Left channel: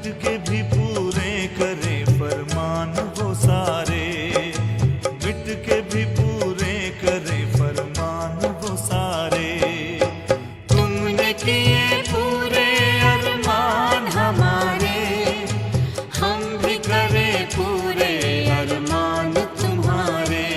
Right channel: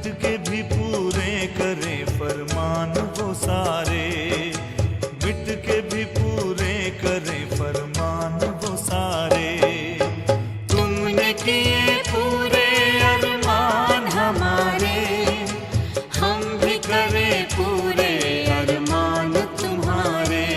मिट के भी पूरे करे फरमान वो सारे, मिट के भी पूरे करे फरमान वो सारे। तुमने किए पूरे अरमान हमारे, हम भी करें पूरे अरमान तुम्हारे।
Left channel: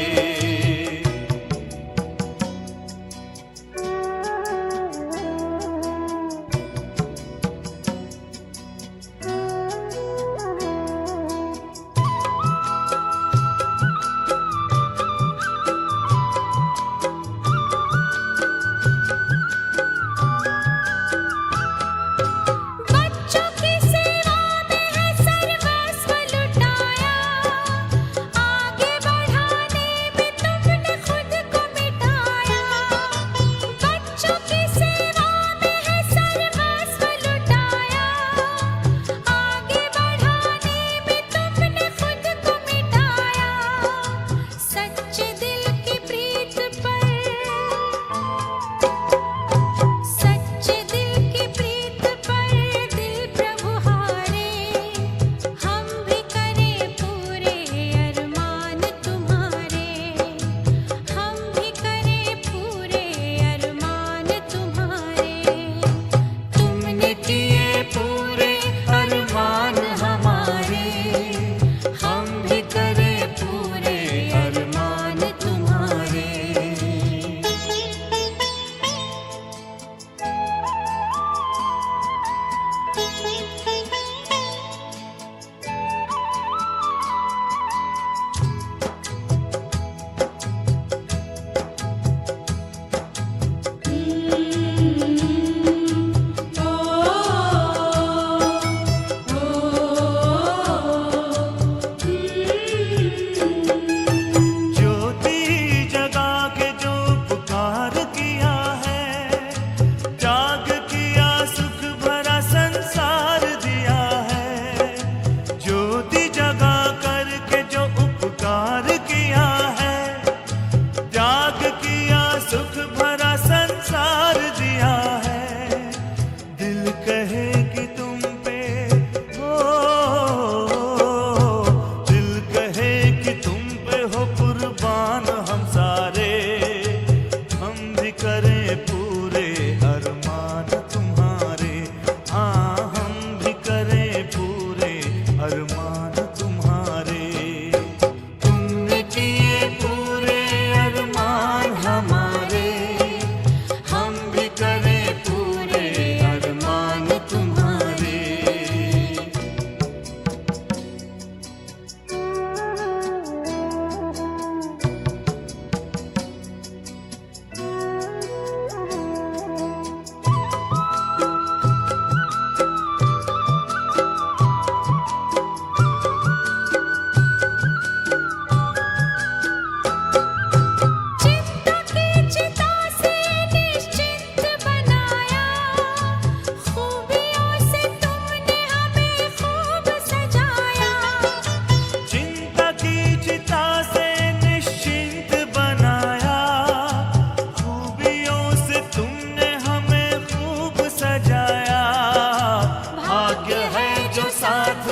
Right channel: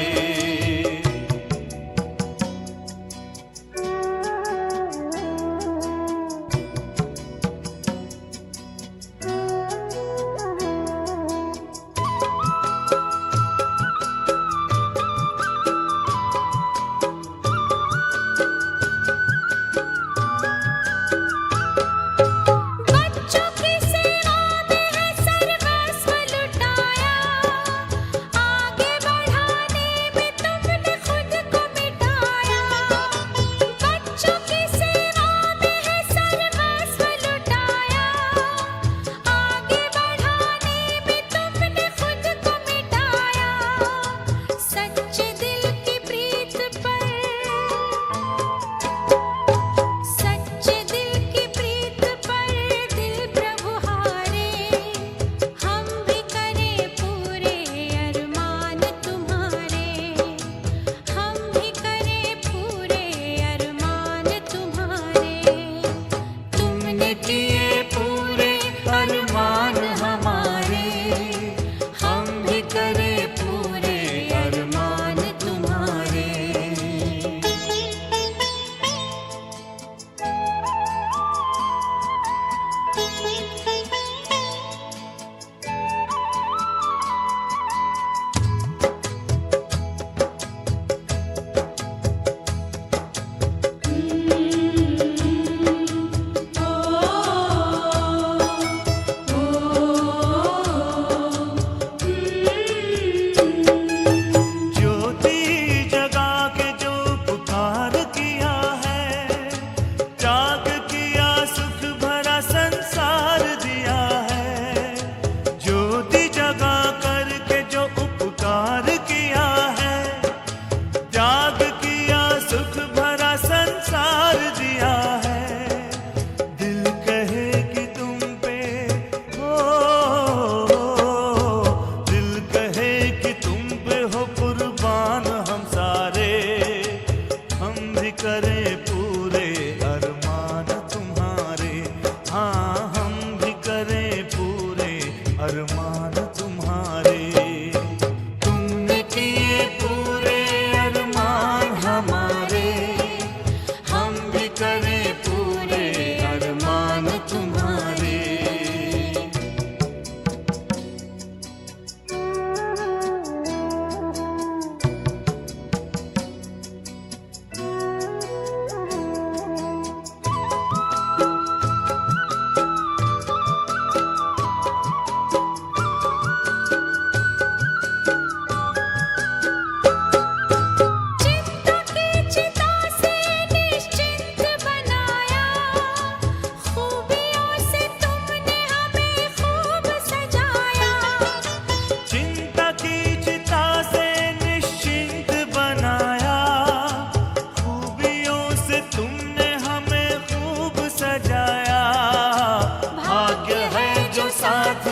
सुख भरा संसार दिया है। दिल कहे कि तुम पे हो, दिल कहे कि तुम पे हो कुर्बान हम सारे। हम भी करें पूरे अरमान तुम्हारे, हाँ हम भी करें पूरे अरमान तुम्हारे। तुमने किए पूरे अरमान हमारे, हम भी करें पूरे अरमान तुम्हारे। साथ